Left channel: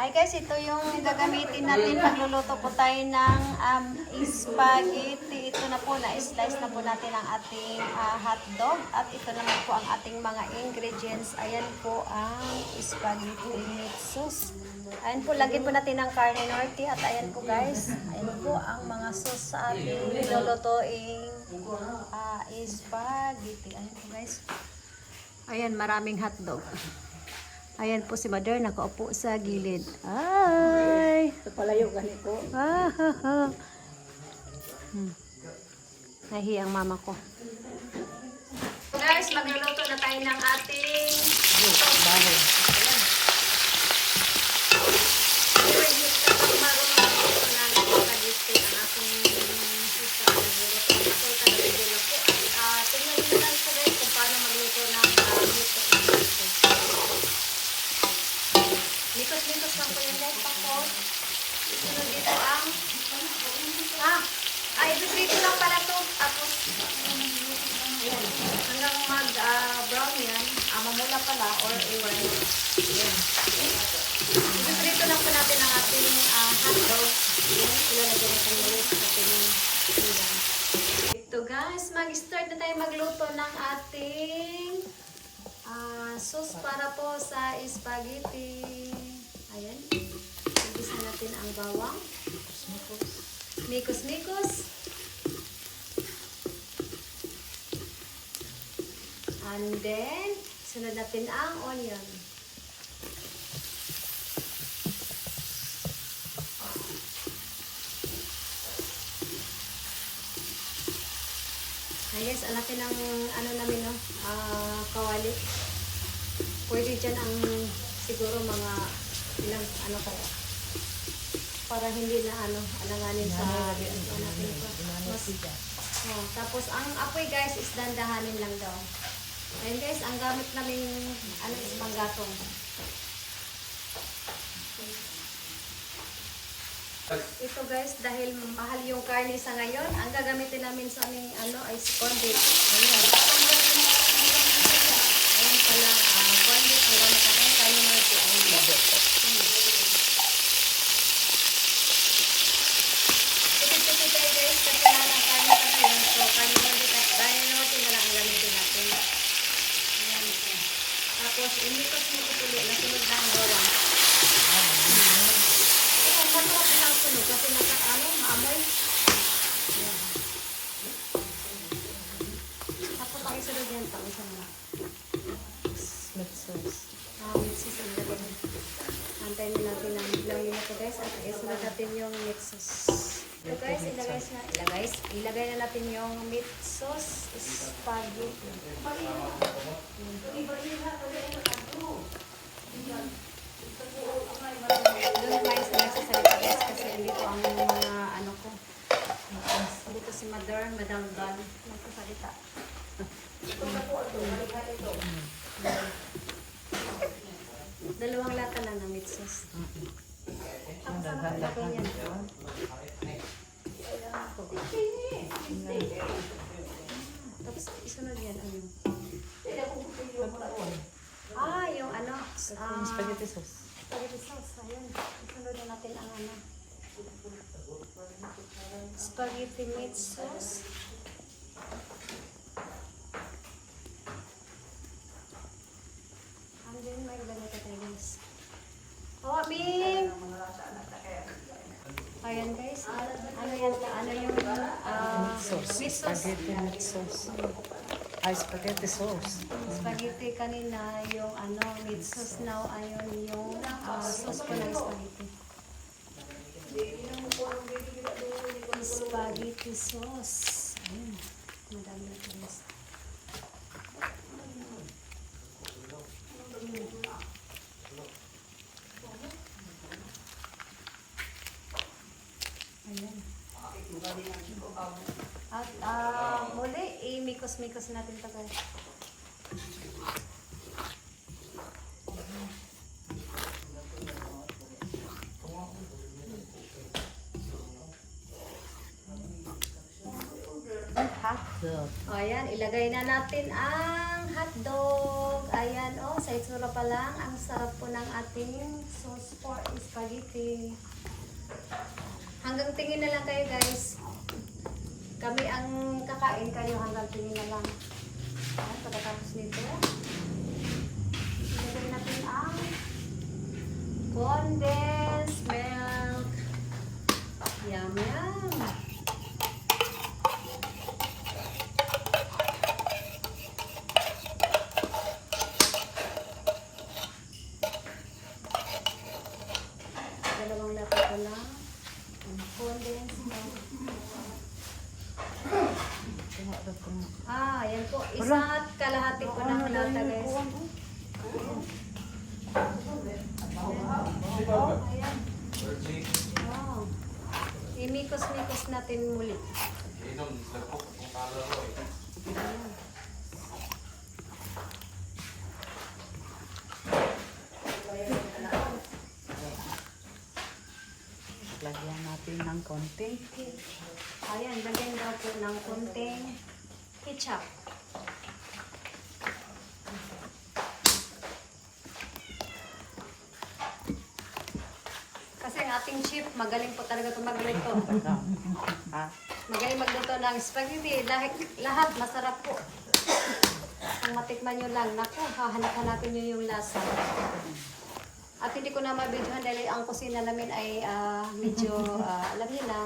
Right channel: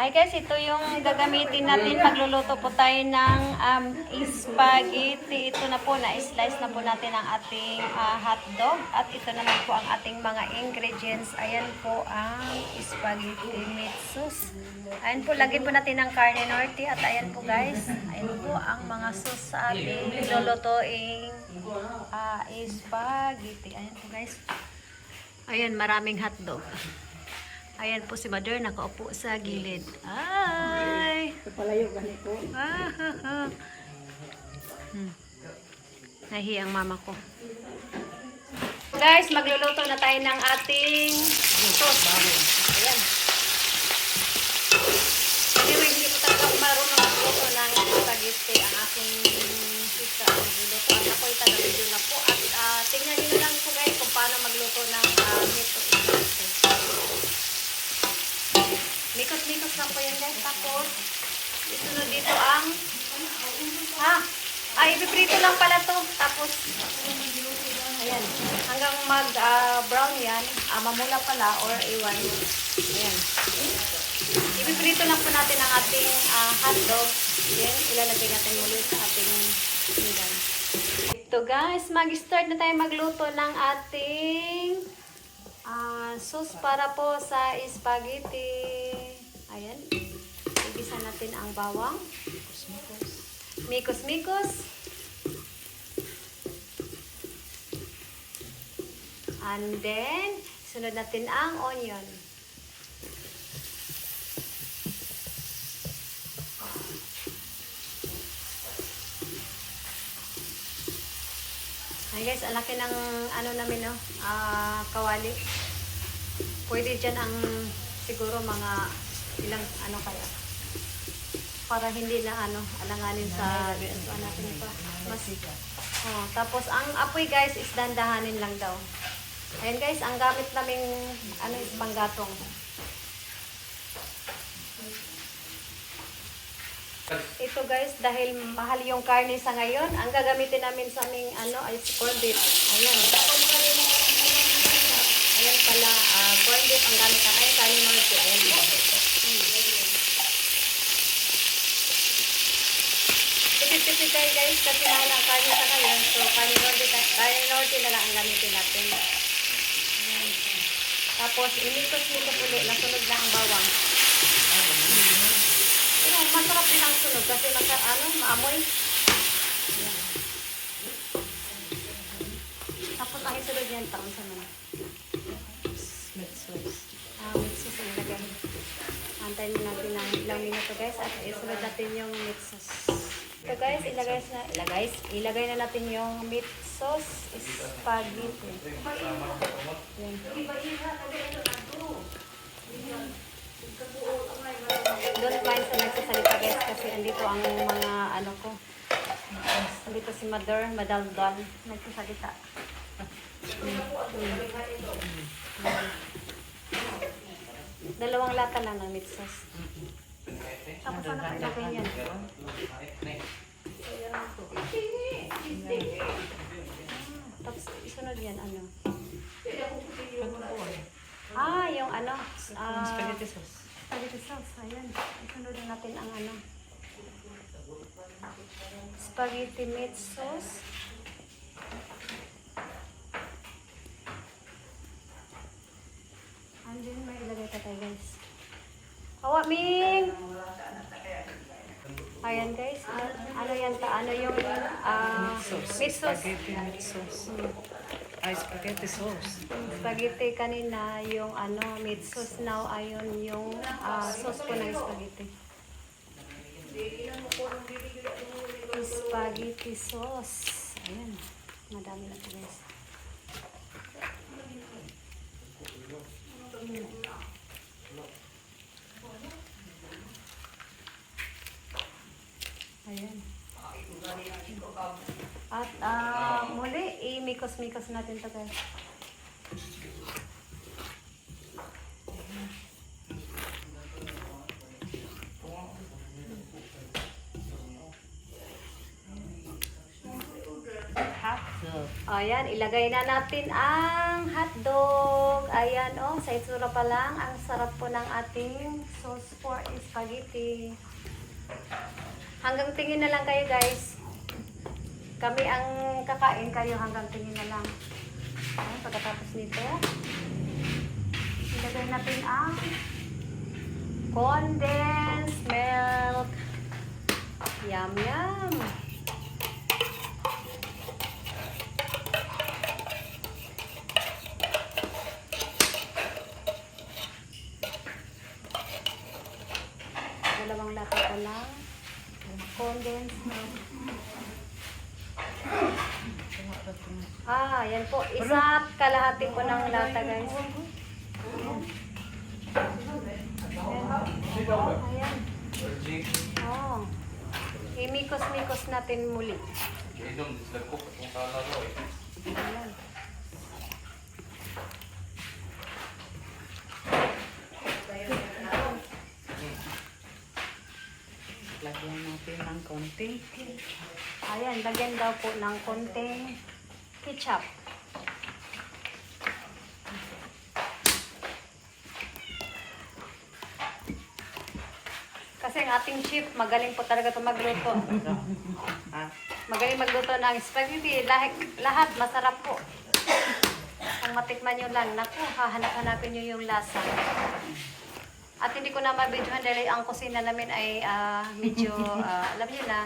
Hi guys, ito yung gagamitin natin. Magluluto po tayo ng spaghetti. Ito na po, na-slice na po natin ang ating hotdog. At ito naman po ang ating mga ingredients. Ayan po ang spaghetti meat sauce. Ayan po, lagyan po natin ng carne norte. At ayan po guys, ayan po ang mga sauce sa ating lulutuing spaghetti. Ayan po guys. Ayan, maraming hotdog. Ayan po si Mother, nakaupo sa gilid. Ay! Palayo gani ko. Nahi ang mama ko. Guys, magluluto na tayo ng ating sauce. Ayan. Anyway, hindi ko talagang marunong magluto ng spaghetti. Ang aking sista ang nagluluto. At ako'y taga-video na po. At tingnan nyo na lang po guys kung paano magluto ng meat sauce. Mikot-mikot lang po yun guys. Tapos, isunod dito ang ipiprito lang pala to. Tapos, ayan, hanggang mag-brown yan, mamula pala or iwan. Ayan. Ipiprito lang po natin ang ating hotdog. Ayan, ilalagay natin muli sa ating ulam. Ito guys, mag-start na tayo magluto ng ating sauce para po sa spaghetti. Ayan. Igisa natin ang bawang. Mikos-mikos. And then, sunod natin ang onion. Ay guys, ang laki ng namin kawali. Pwede dyan ang siguro mga ilang kaya. Para hindi na alanganin sa natin pa. Mas, tapos ang apoy guys is dandahanin lang daw. Ayan guys, ang gamit naming is panggatong. Ito guys, dahil mahal yung karne sa ngayon, ang gagamitin namin sa aming ay corned beef. Ayan. Ayan pala, corned beef ang gamit natin. Karne norte. Ayan. Tipid-tipid tayo guys, kasi mahal ang karne sa ngayon. So, karne norte na lang ang gamitin natin. Ayan. Tapos, inikot-nikot ulit. Nasunod na ang bawang. Masarap din ang sunog kasi maamoy. Ayan. Tapos ang isunod yan, taon sa mga meat sauce. Meat sauce ang lagyan. Antayin natin ng ilang minuto guys at isunod natin yung meat sauce. So guys, ilagay na natin yung meat sauce spaghetti. Don't mind sa nagsasalita guys kasi andito ang mga ko. Andito si Madaldal nagsasalita. Dalawang lata lang ng meat sauce. Tapos ano pa ilagay niyan? Tapos isunod yan yung Spaghetti sauce. Spaghetti sauce, ayan. Isunod na natin ang spaghetti meat sauce. And then may ilagay ka tayo guys. Hawa, Ming! Ayan guys. Ano yung meat sauce? Spaghetti meat sauce. Spaghetti sauce. Spaghetti kanina yung meat sauce, now ayon yung sauce po ng spaghetti. Spaghetti sauce. Ayan. Madami na ito guys. Ayan. At muli, i-mikos-mikos natin ito guys. Ayan, ilagay na natin ang hotdog. Ayan, oh, sa itsura pa lang, ang sarap po ng ating sauce for spaghetti. Hanggang tingin na lang kayo, guys. Kami ang kakain, kayo hanggang tingin na lang. Ayan, pagkatapos nito, ilagay natin ang condensed milk. Yum, yum. Dalawang lata ko lang condensed milk. Yan po. Isa't kalahati po ng lata, guys. Ayan. Ayan. Oh. Imikos-mikos natin muli. Ayan. Lagyan natin ng konting. Ayan, lagyan daw po ng konting ketchup. Kasi ang ating chef, magaling po talaga ito magluto. Magaling magluto ng spaghetti. Lahat masarap po. Ang matikman nyo lang, naku, hahanap-hanapin nyo yung lasa. At hindi ko na mabidyohan dahil ang kusina namin ay medyo, alam nyo na,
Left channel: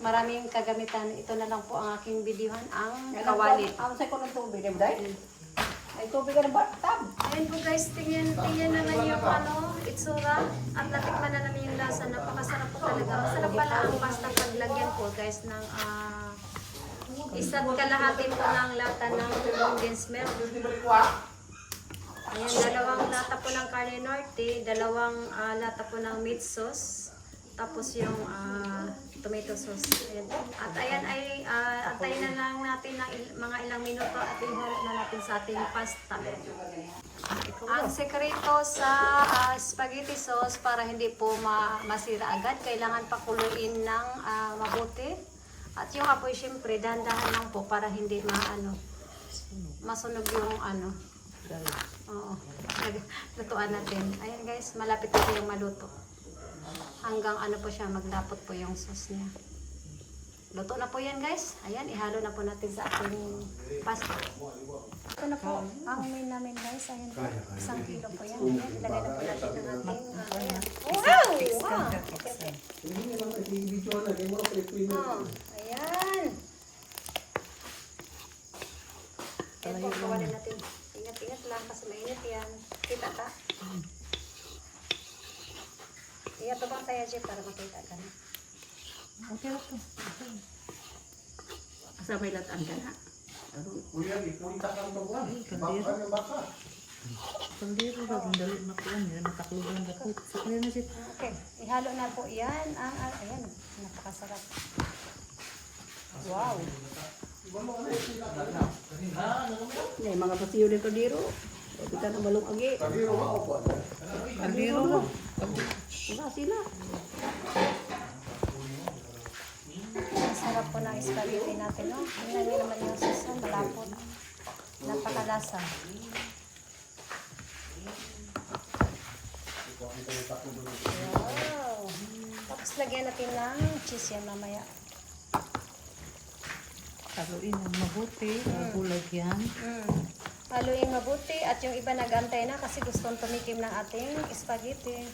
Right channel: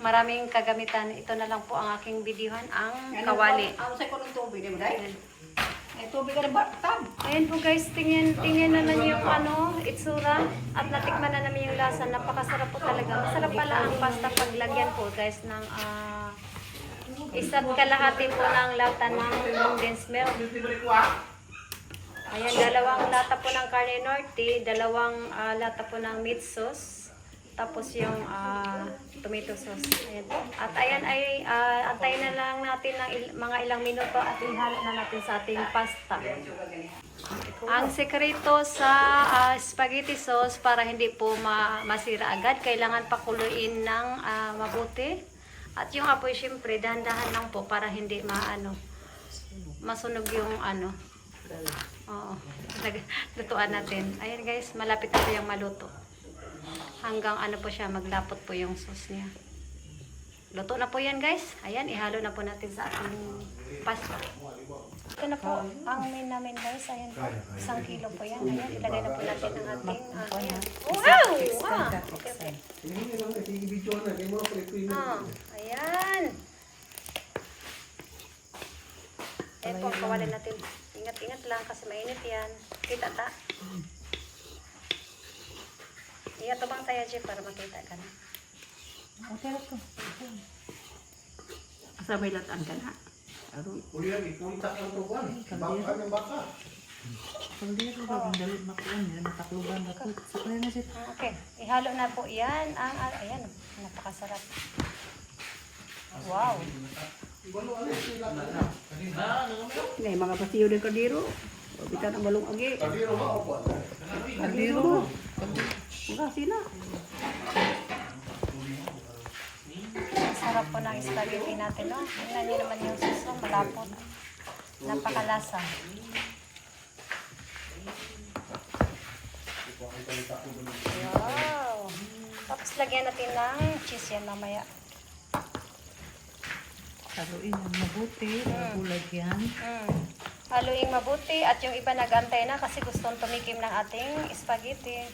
maraming kagamitan. Ito na lang po ang aking videohan, ang kawali. Ang sa ko ng tubig, guys. Ay, tubig ka ng bathtub. Ayan po guys, tingin naman yung itsura at natikman na namin yung lasa. Napakasarap po talaga. Masarap pala ang pasta paglagyan po guys ng isa't kalahati po ng lata ng condensed milk. Ayan, dalawang lata po ng carne norte, dalawang lata po ng meat sauce, tapos yung tomato sauce. Ayan po. At ayan ay antayin na lang natin ng mga ilang minuto at ihalo na natin sa ating pasta. Ang sekreto sa spaghetti sauce para hindi po masira agad, kailangan pakuluin ng mabuti. At yung apoy syempre dahan-dahan lang po para hindi masunog yung Oo. Lutuan natin. Ayan guys, malapit na po yung maluto. Hanggang po siya, maglapot po yung sauce niya. Luto na po yan guys. Ayan, ihalo na po natin sa ating pasta. Ito na po ang main namin guys. Ayan po, 1 kilo po yan. Ayan, ilagay na po natin ang ating, ayan. Wow! Wow! Okay, okay. Ayan. Ayan po, kawalin natin. Ingat-ingat lang kasi mainit yan. Kita ta? Iya, tubang tayo dyan para makita ka na. Okay, okay. Sabay latan ka na. Kaldero ba? Ang dalit na kuwan. Natakluban na po. Ano na siya? Okay, ihalo na po yan. Ayan, napakasarap. Wow! May mga pasiyo ng kaldero. Kita ang balong agi. Kaldero mo. Maka sila. Sarap po ng spaghetti natin, no? Tingnan nyo naman yung sauce, no? Malapot. Napakalasa. Wow! Tapos lagyan natin ng cheese yan mamaya. Haluin ng mabuti. Bulag yan. Haluin mabuti at yung iba nag-antay na kasi gustong tumikim ng ating spaghetti.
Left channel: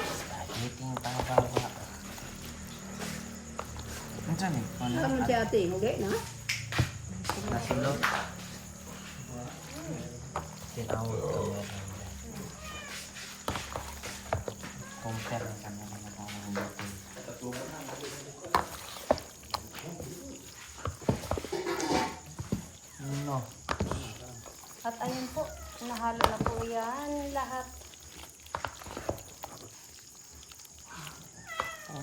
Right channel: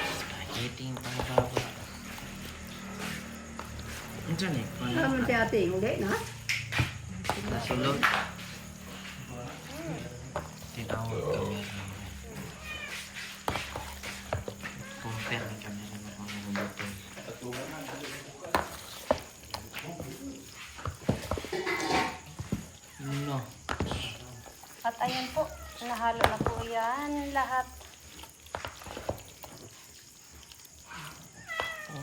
Spaghetti pang-bawa. Ano dyan eh? Kamu si ate, hindi na? Masilot. Tinawag kami. Compare na kami ng mga mabuti. No. At ayun po, nahalo na po yan lahat.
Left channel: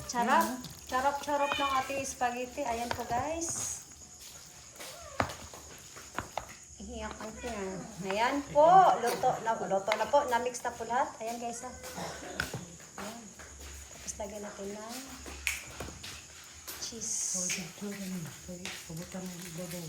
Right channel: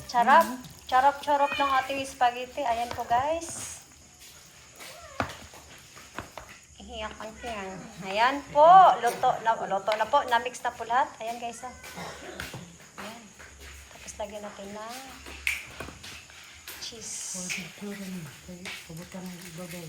Charap. Charap-charap ng ating spaghetti. Ayan po guys. Ihiyakan ko yan. Ayan po. Luto na po. Na-mix na po lahat. Ayan guys. Ayan. Tapos lagyan natin ng cheese. O, dito rin. Kaya pabutan ng ibabaw.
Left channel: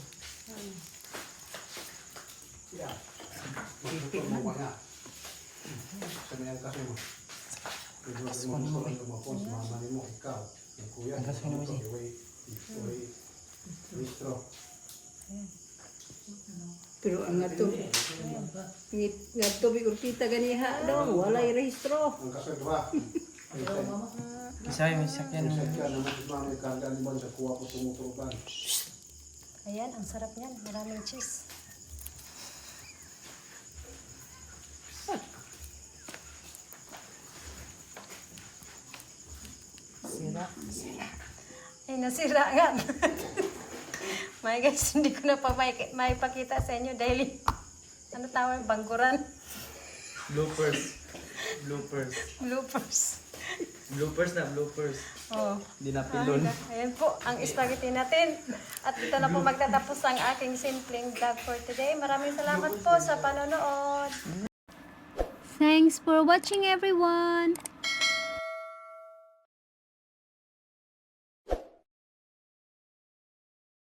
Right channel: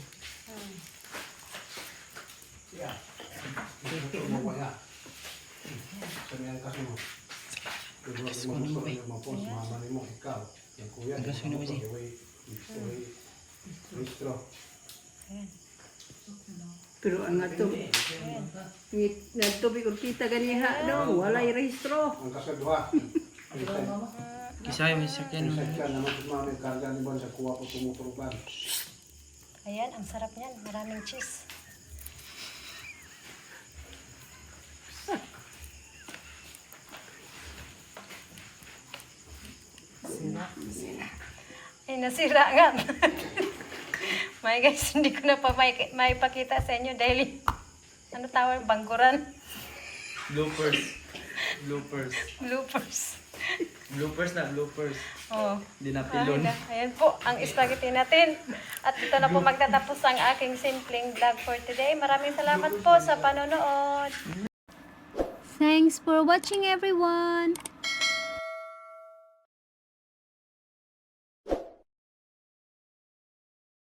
Pero ang ato, nagtubi urkita ganiha daw, walay rehistro. Ang kasadwa. Isa yung sakyan. Sakyan naman sa mga karga ni Bon sa kuha po tumuturukan. Ayan, ang sarap niyan. Maraming cheese. Ay, nasira nga. May guys, hindi ko na pa may pakita sa inyo dahil ano tawag, bangkuran. Bloopers. Bloopers. Bloopers. Bloopers na, bloopers. Oh. Hindi na Ay, pilon. ayan po ang spaghetti natin. At dito na po magtatapos ang aking simpleng vlog for today. Maraming salamat po sa panonood. Thanks for watching everyone!